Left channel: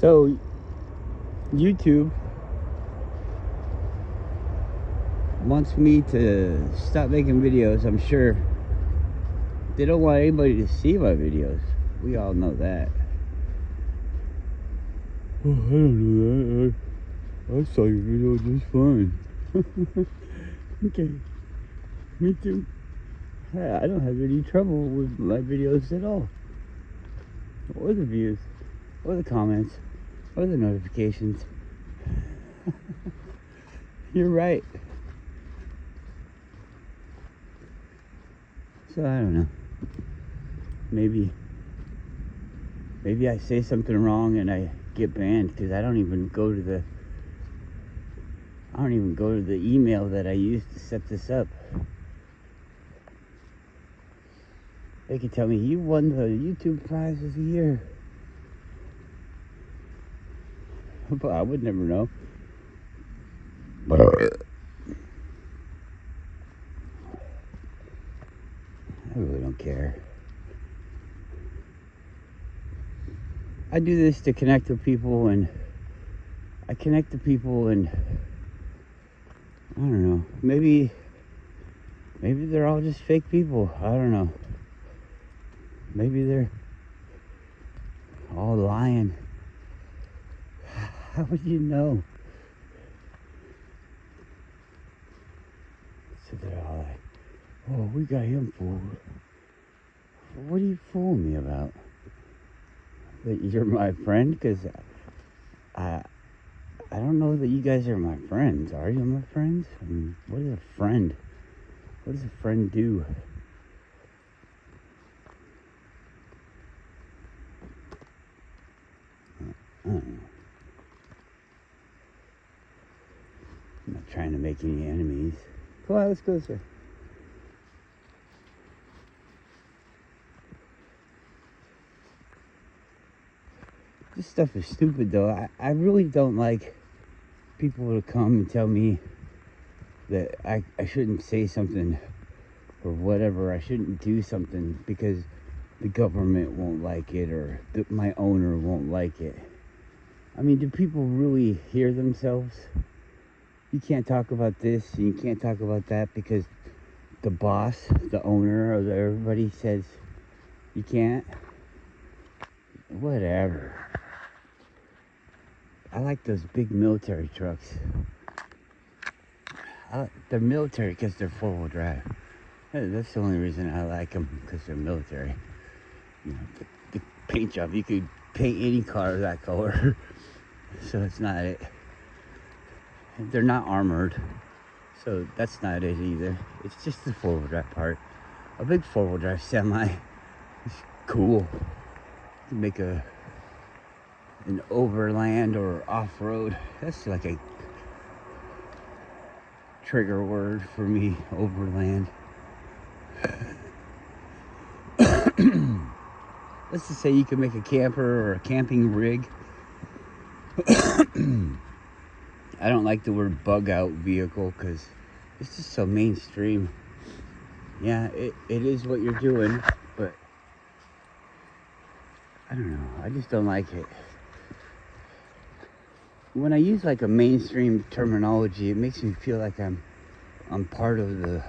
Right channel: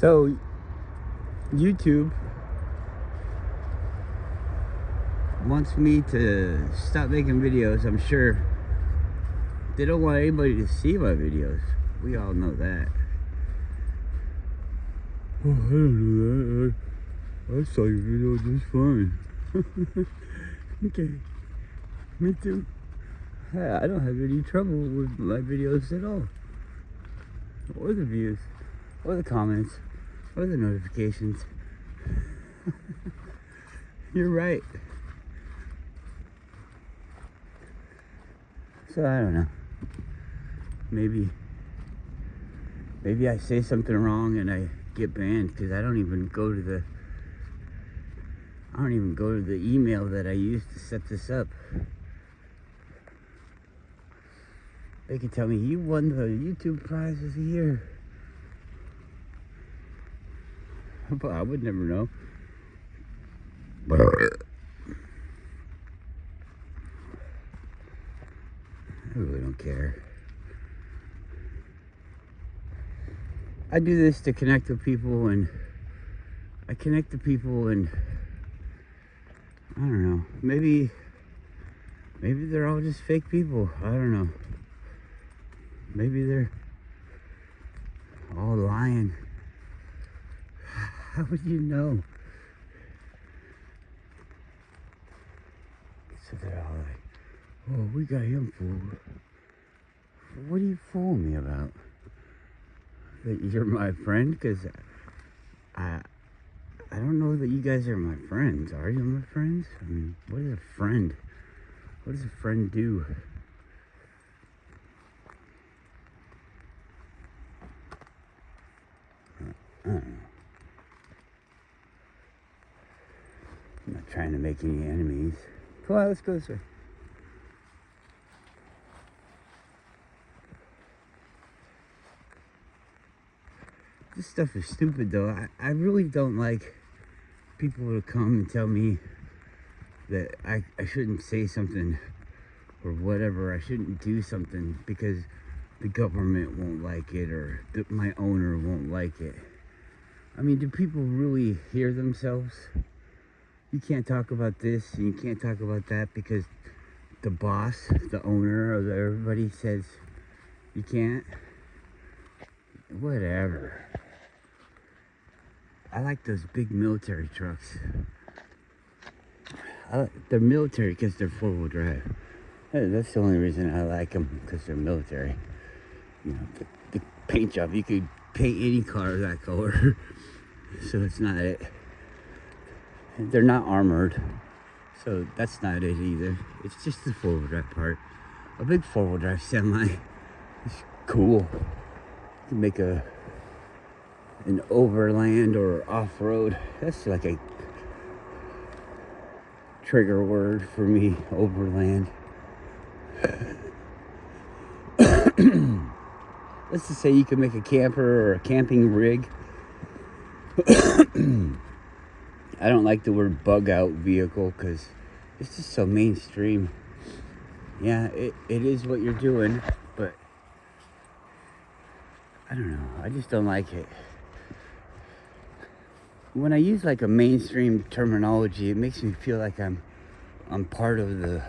So YouTube wants me to stop making videos. I'm sure they don't want anybody to see my videos. We all know that. Oh, I don't know that. I saw your video just fine. Okay, me too. Yeah, I don't have any trouble with my videos at all. Or the views, or the comments, or the notifications. You're right. So I don't know. Maybe I say something wrong and I get banned because I don't even go to the email that I used to set this up. They could tell me you won the YouTube prize of the year. But I would never know. I really don't care. I do this to connect with people, and I connect to people, and I don't know. Maybe they're all just fake people. I don't know. Maybe they're all lying. How would you know? So they're all like, "Oh, we got him fooled." What are you fooling me about? That you're my friend? Because I don't know that you guys are my friends. Are you my friends? I mean, what is a friend? What does a friend do? I'm not trying to make any enemies. Come on, let's go this way. This stuff is stupid though. I really don't like people to come and tell me that I shouldn't say something or whatever. I shouldn't do something because the government won't like it or my owner won't like it. I mean, do people really hear themselves? You can't talk about this and you can't talk about that because the boss, the owner, or everybody says you can't. Whatever. I like those big military trucks. The military because they're four-wheel drive. Hey, that's the only reason I like them, because they're military. You know, the paint job, you could paint any car that color. So it's not it. They're not armored, so that's not it either. It's just the four-wheel drive part. A big four-wheel drive semi is cool to make an overland or off-road. That's like a trigger word for me, overland. Let's just say you can make a camper or a camping rig. I don't like the word bug out vehicle because it's just so mainstream. Yeah, it is what you're doing, but I don't know. I just don't like it. When I use like a mainstream terminology, it makes me feel like I'm part of the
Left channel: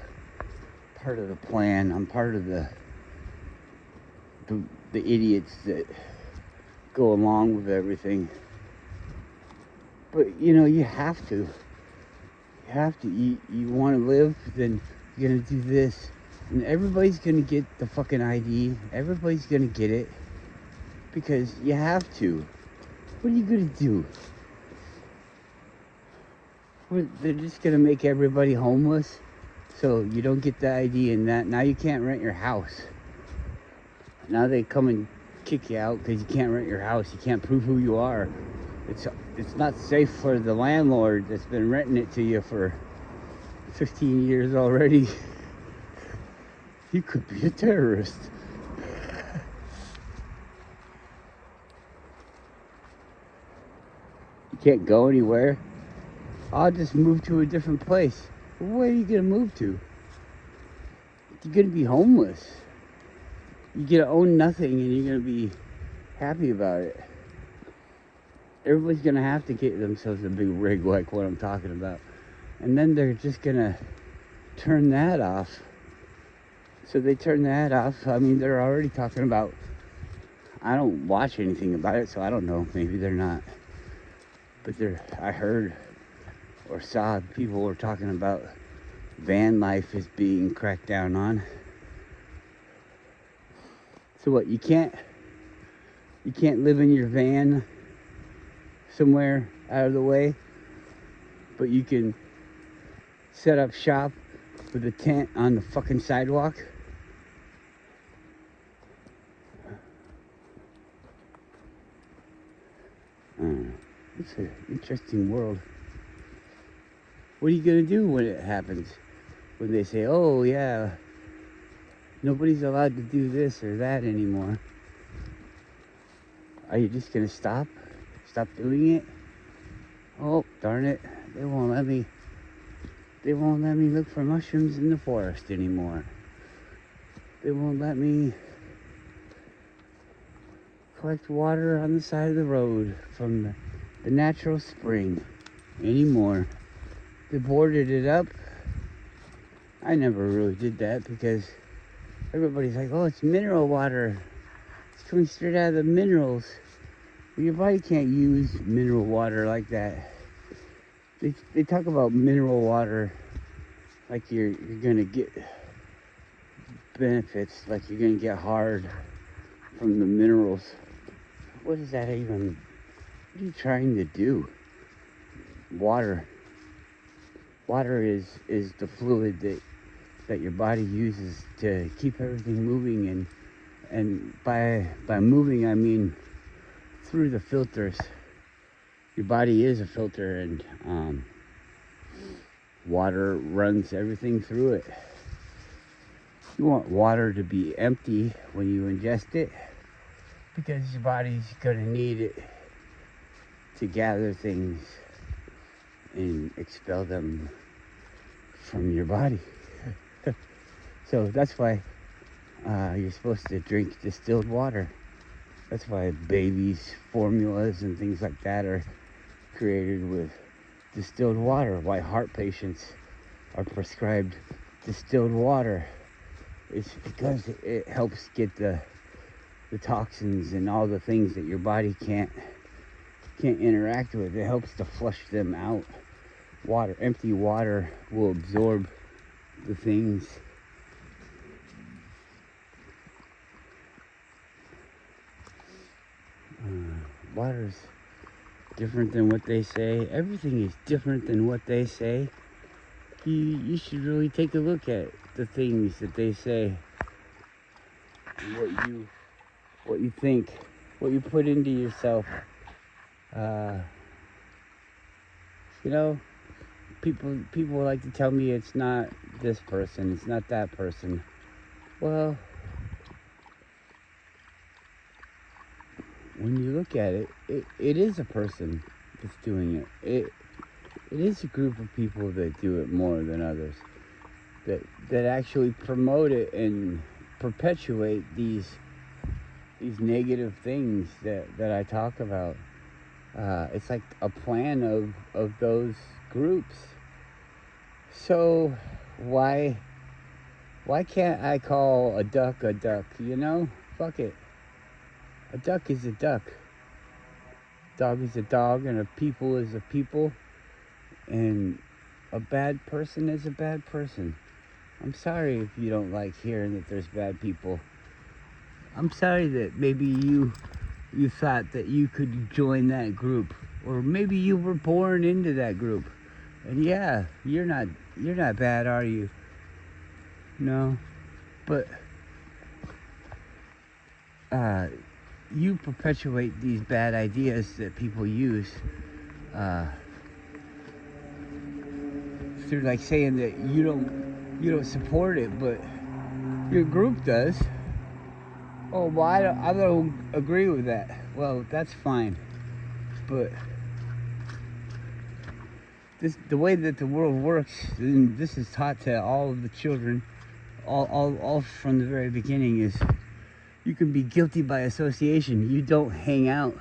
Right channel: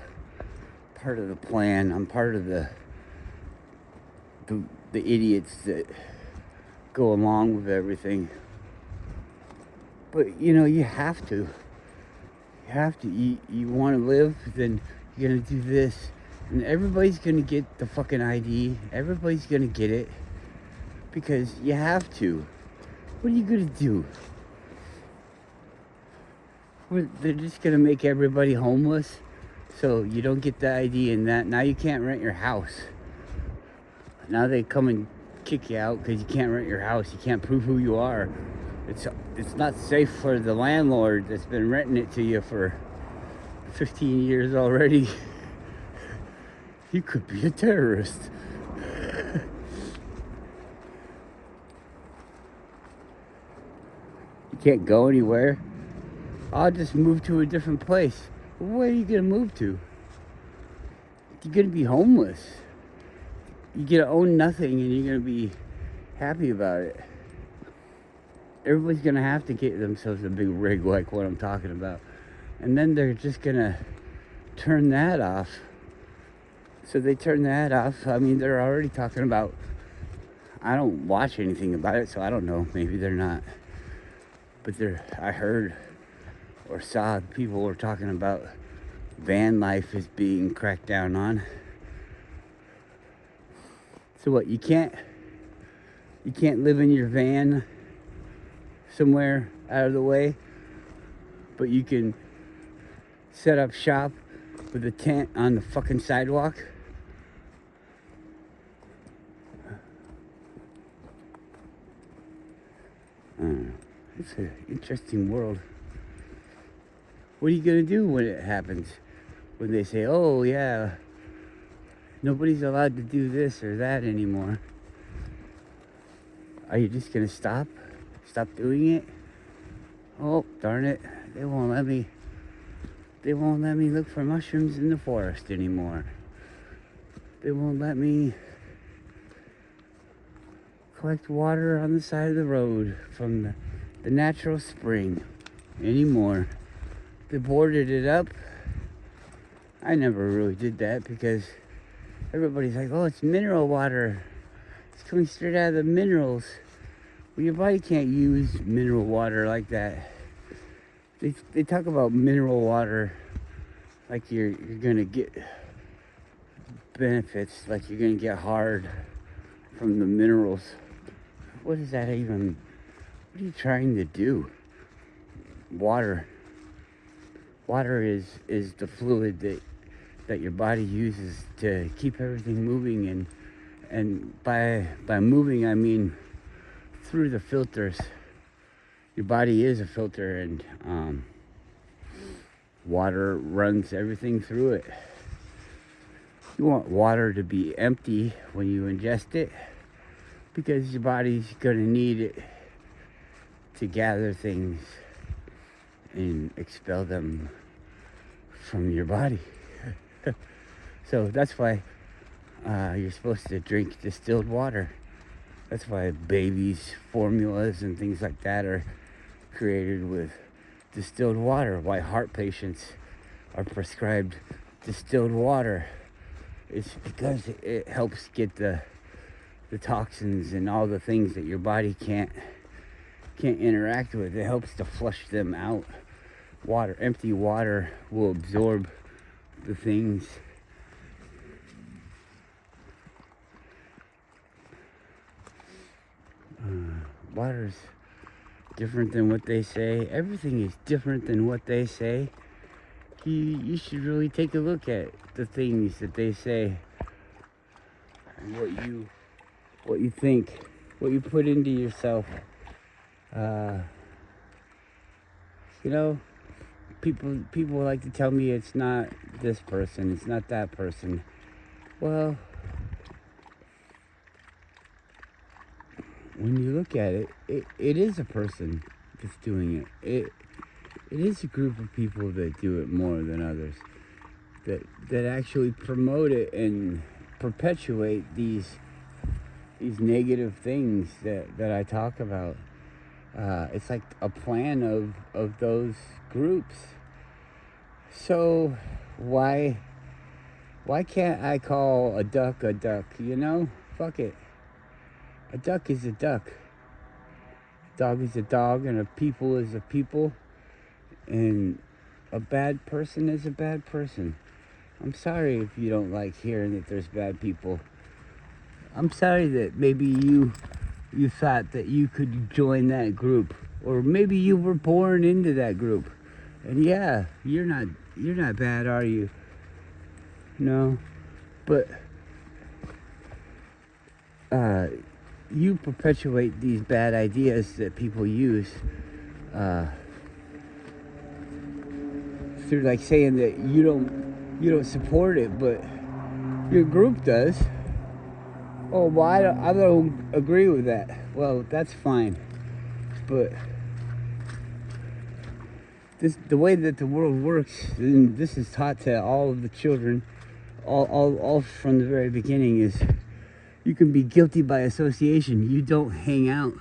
plan. I'm part of the idiots that go along with everything. But you know, you have to. You want to live, then you're gonna do this, and everybody's gonna get the fucking ID. Everybody's gonna get it because you have to. What are you gonna do? They're just gonna make everybody homeless, so you don't get the ID, and that now you can't rent your house. Now they come and kick you out because you can't rent your house. You can't prove who you are. It's not safe for the landlord that's been renting it to you for 15 years already. You could be a terrorist. You can't go anywhere. I'll just move to a different place. Where are you gonna move to? You're gonna be homeless. You're gonna own nothing and you're gonna be happy about it. everybody's gonna have to get themselves a big rig like what I'm talking about. And then they're just gonna turn that off. So they turn that off. I mean, they're already talking about, I don't watch anything about it, so I don't know. Maybe they're not. But I heard or saw people were talking about van life is being cracked down on. So what, you can't live in your van somewhere out of the way, but you can set up shop with a tent on the fucking sidewalk? It's an interesting world. What are you gonna do when it happens? When they say, oh yeah, nobody's allowed to do this or that anymore. Are you just gonna stop doing it? Oh, darn it, they won't let me look for mushrooms in the forest anymore. They won't let me collect water on the side of the road from the natural spring anymore. They boarded it up. I never really did that because everybody's like, oh, it's mineral water. It's coming straight out of the minerals. Well, your body can't use mineral water like that. They talk about mineral water like you're gonna get benefits, like you're gonna get hard from the minerals. What is that even? What are you trying to do? Water is the fluid that your body uses to keep everything moving, and by moving I mean through the filters. Your body is a filter, and water runs everything through it. You want water to be empty when you ingest it, because your body's gonna need it to gather things and expel them from your body. So that's why you're supposed to drink distilled water. That's why babies' formulas and things like that are created with distilled water. Why heart patients are prescribed distilled water. It's because it helps get the toxins and all the things that your body can't interact with. It helps to flush them out. Empty water will absorb the things. Water's different than what they say. Everything is different than what they say. You should really take a look at the things that they say. What you think, what you put into yourself. You know, people like to tell me it's not this person, it's not that person. Well, when you look at it, it is a person that's doing it. It is a group of people that do it more than others, that actually promote it and perpetuate these negative things that I talk about. It's like a plan of those groups. So why can't I call a duck, you know? Fuck it. A duck is a duck. A dog is a dog, and a people is a people. And a bad person is a bad person. I'm sorry if you don't like hearing that there's bad people. I'm sorry that maybe you thought that you could join that group, or maybe you were born into that group. And yeah, you're not bad, are you? No. But you perpetuate these bad ideas that people use through like saying that you don't support it, but your group does. Oh, well, I don't agree with that. Well, that's fine. But the way that the world works, and this is taught to all of the children, all from the very beginning, is you can be guilty by association. You don't hang out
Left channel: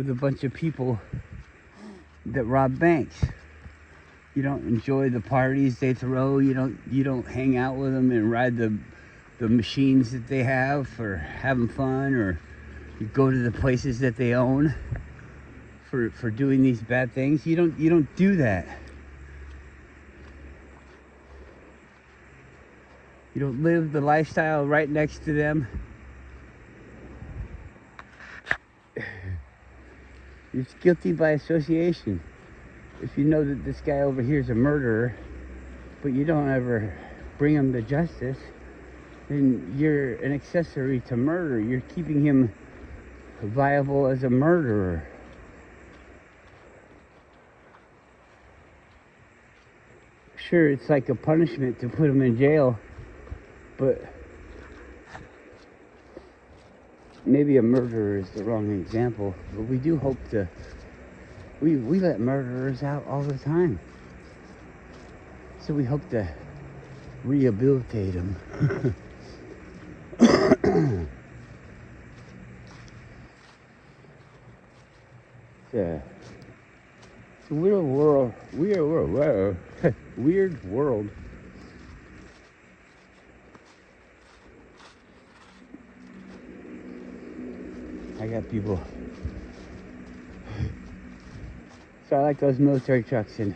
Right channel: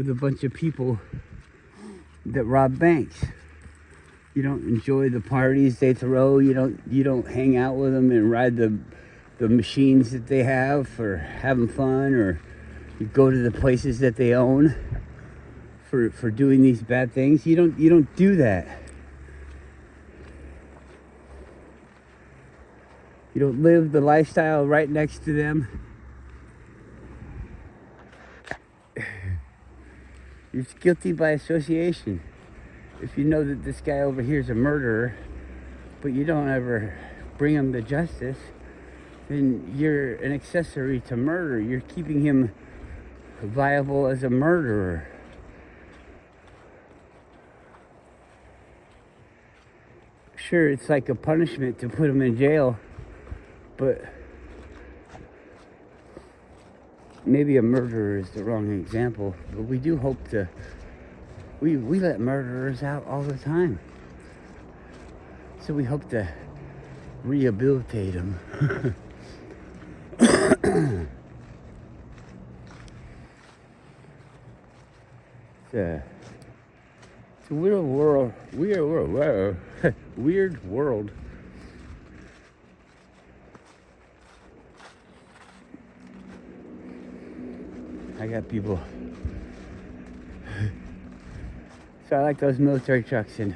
with a bunch of people that rob banks. You don't enjoy the parties they throw. You don't hang out with them and ride the machines that they have for having fun, or you go to the places that they own for doing these bad things. You don't do that. You don't live the lifestyle right next to them. You're guilty by association. If you know that this guy over here is a murderer, but you don't ever bring him to justice, then you're an accessory to murder. You're keeping him viable as a murderer. Sure, it's like a punishment to put him in jail, but maybe a murderer is the wrong example, but we do hope to, we let murderers out all the time. So we hope to rehabilitate them. It's a weird world. Weird world. I got people. So I like those military trucks, and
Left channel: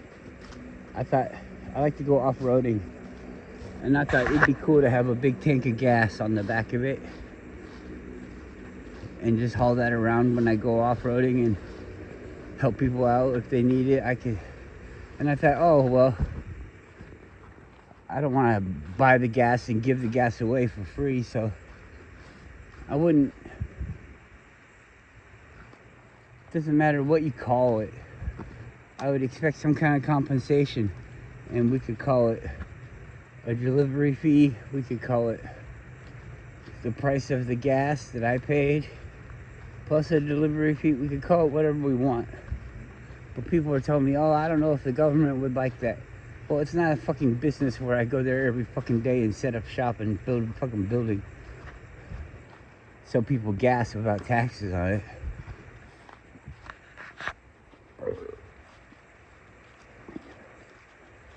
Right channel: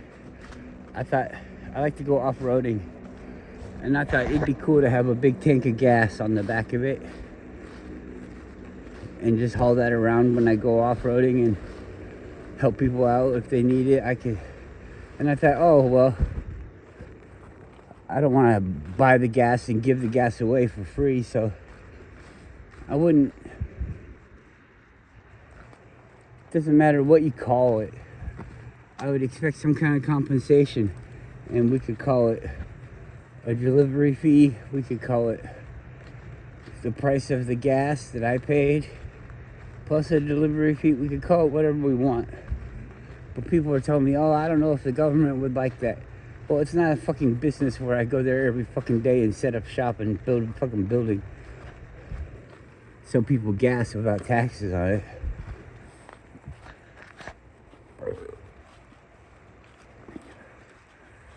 I thought I like to go off-roading, and I thought it'd be cool to have a big tank of gas on the back of it and just haul that around when I go off-roading and help people out if they need it. And I thought, oh well, I don't want to buy the gas and give the gas away for free, so I wouldn't. Doesn't matter what you call it. I would expect some kind of compensation, and we could call it a delivery fee. We could call it the price of the gas that I paid plus a delivery fee. We could call it whatever we want. But people are telling me, oh, I don't know if the government would like that. Well, it's not a fucking business where I go there every fucking day and set up shop and build a fucking building. Some people gas without taxes on it.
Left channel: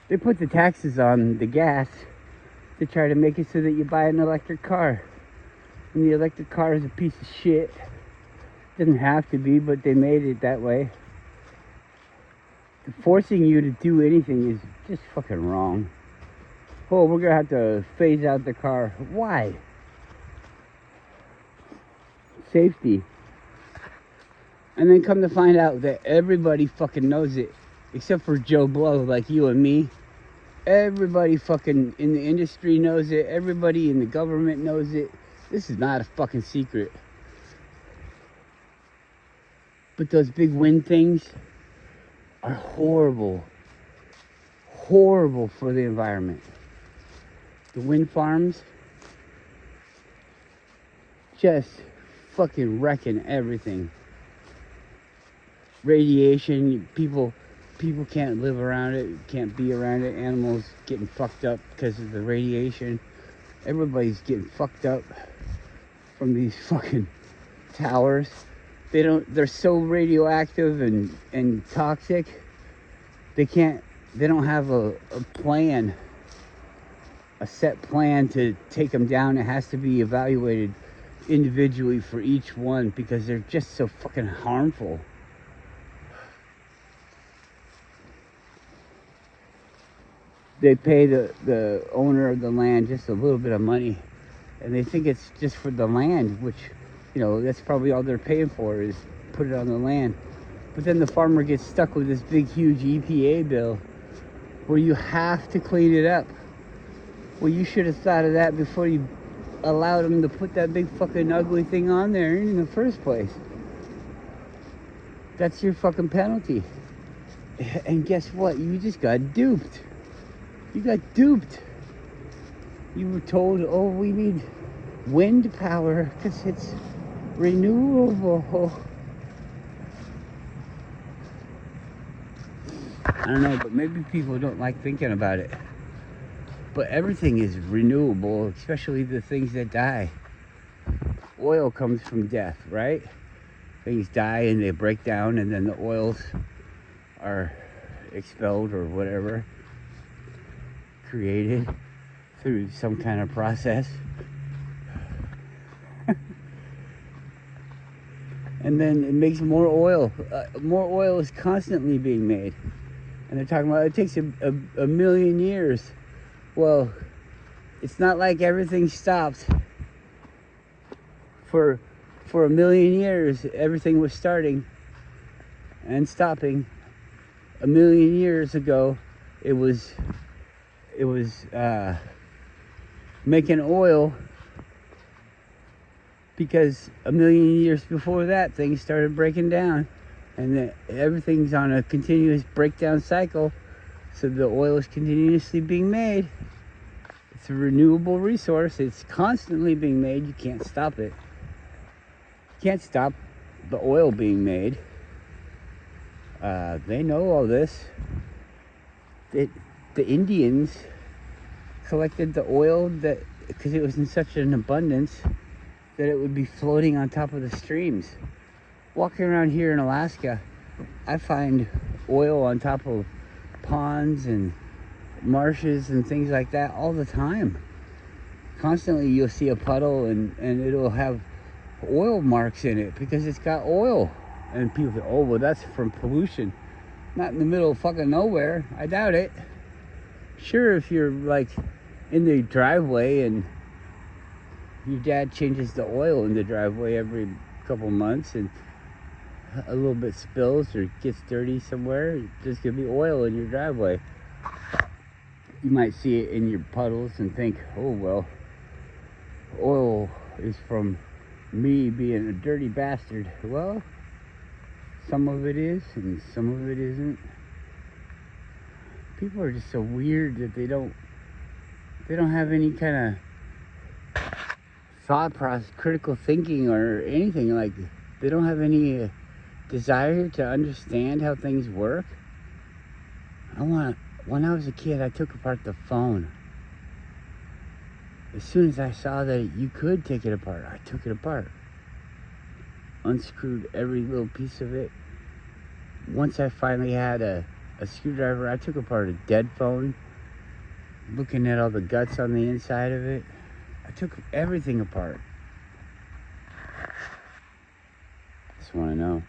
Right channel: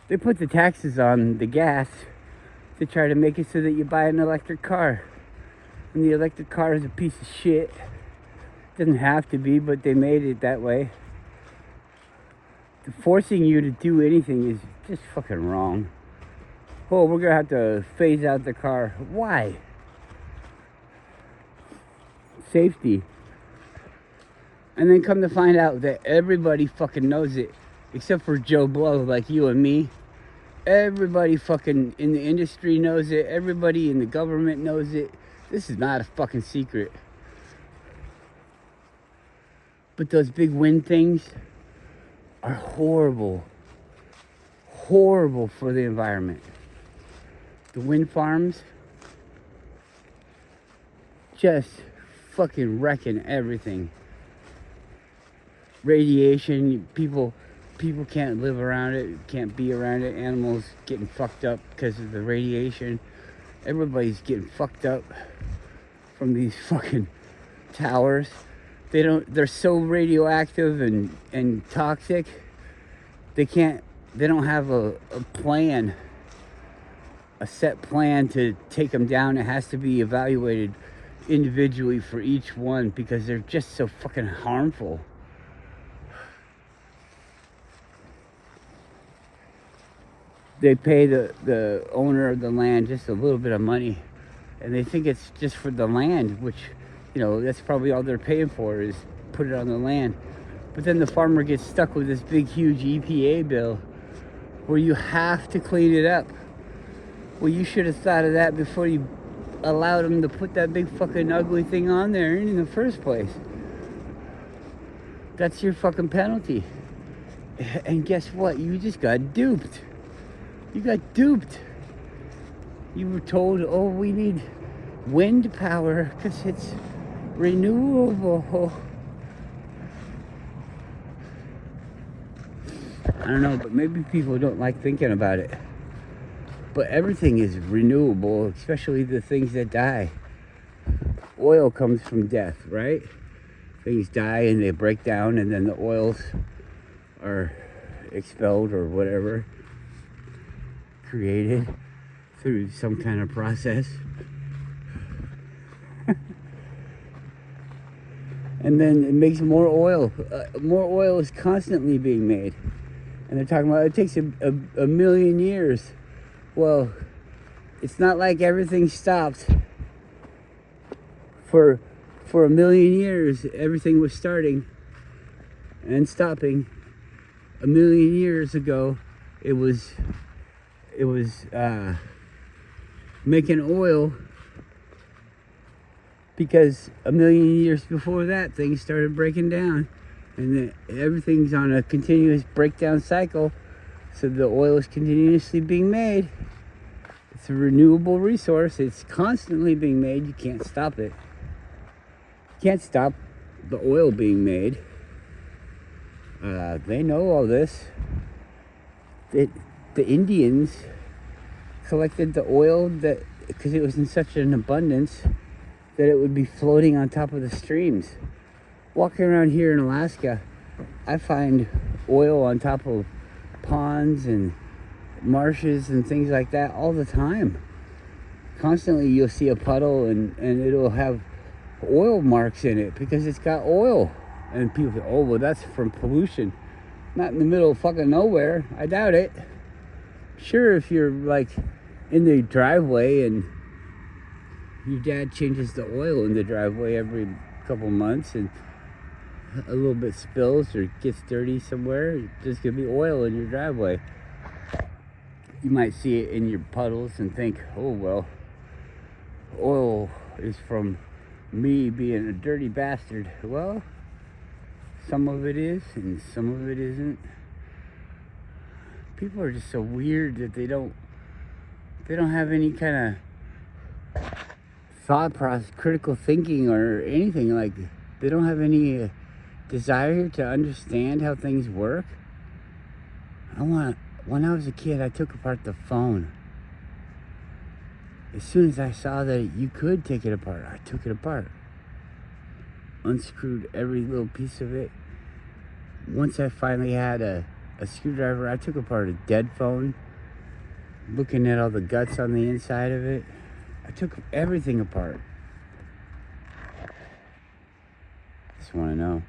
They put the taxes on the gas to try to make it so that you buy an electric car. And the electric car is a piece of shit. Doesn't have to be, but they made it that way. Forcing you to do anything is just fucking wrong. Oh, we're gonna have to phase out the car. Why? Safety. And then come to find out that everybody fucking knows it, except for Joe Blow like you and me. Everybody fucking in the industry knows it. Everybody in the government knows it. This is not a fucking secret. But those big wind things are horrible. Horrible for the environment. The wind farms just fucking wrecking everything. Radiation, people can't live around it, can't be around it. Animals getting fucked up because of the radiation. Everybody's getting fucked up from these fucking towers. They're so radioactive and toxic. They don't have a plan, a set plan to take them down. It has to be evaluated individually for each one because they're just so fucking harmful. They pay the owner of the land just a little bit of money, and they think it's just for the land, which, you know, that's probably all they're paying for is put it on the land. But then the farmer gets stuck with this big, huge EPA bill where you have to clean it up. Well, you should have thought of that before you allowed them to put that big fucking ugly thing on there in the first place. That's your fucking penalty. And guess what? You just got duped. You got duped. You were told, oh, we need wind power because it's renewable. I don't know, but maybe people don't like thinking about it. But everything is renewable, especially the things that die. Oil comes from death, right? things die and they break down, and then the oils are expelled or whatever, created through some kind of process. And then it makes more oil. More oil is constantly being made. And they're talking about it takes a million years. Well, it's not like everything stopped. For a million years, everything was starting and stopping. A million years ago, it was making oil, because a million years before that, things started breaking down, and everything's on a continuous breakdown cycle, so the oil is continuously being made. It's a renewable resource. It's constantly being made. You can't stop it. You can't stop the oil being made. They know all this. The Indians collected the oil because it was in such an abundance that it would be floating on top of the streams. Walking around here in Alaska, I find oil on top of ponds and marshes and things like that all the time. Constantly you'll see a puddle and it'll have oil marks in it because it's got oil. And people say, oh, well, that's from pollution. Not in the middle of fucking nowhere. I doubt it. Sure, if you're like in the driveway and your dad changes the oil in the driveway every couple months and a little bit spills or gets dirty somewhere, there's gonna be oil in your driveway. You might see it in your puddles and think, oh, well, oil is from me being a dirty bastard. Well, some of it is and some of it isn't. People are just so weird that they don't have any kind of thought process, critical thinking or anything. Like, they don't have any desire to understand how things work. When I was a kid, I took apart the phone. As soon as I saw that you could take it apart, I took it apart. Unscrewed every little piece of it. Once I finally had a screwdriver, I took apart a dead phone, looking at all the guts on the inside of it. I took everything apart. Just want to know.